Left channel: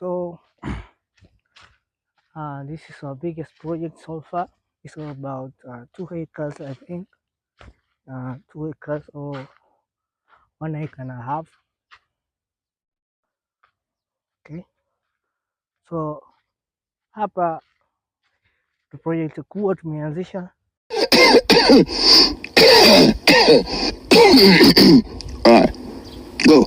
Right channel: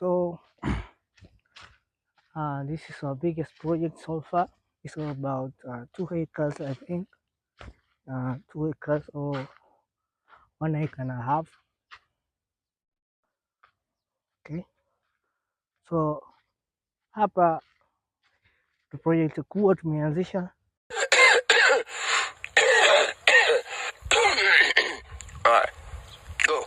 So this is our biggest project so far. It's about 2 acres, I think. 2 acres or 1.5 acres. Okay. So hapa the project kubwa tumeanzisha. All right, go.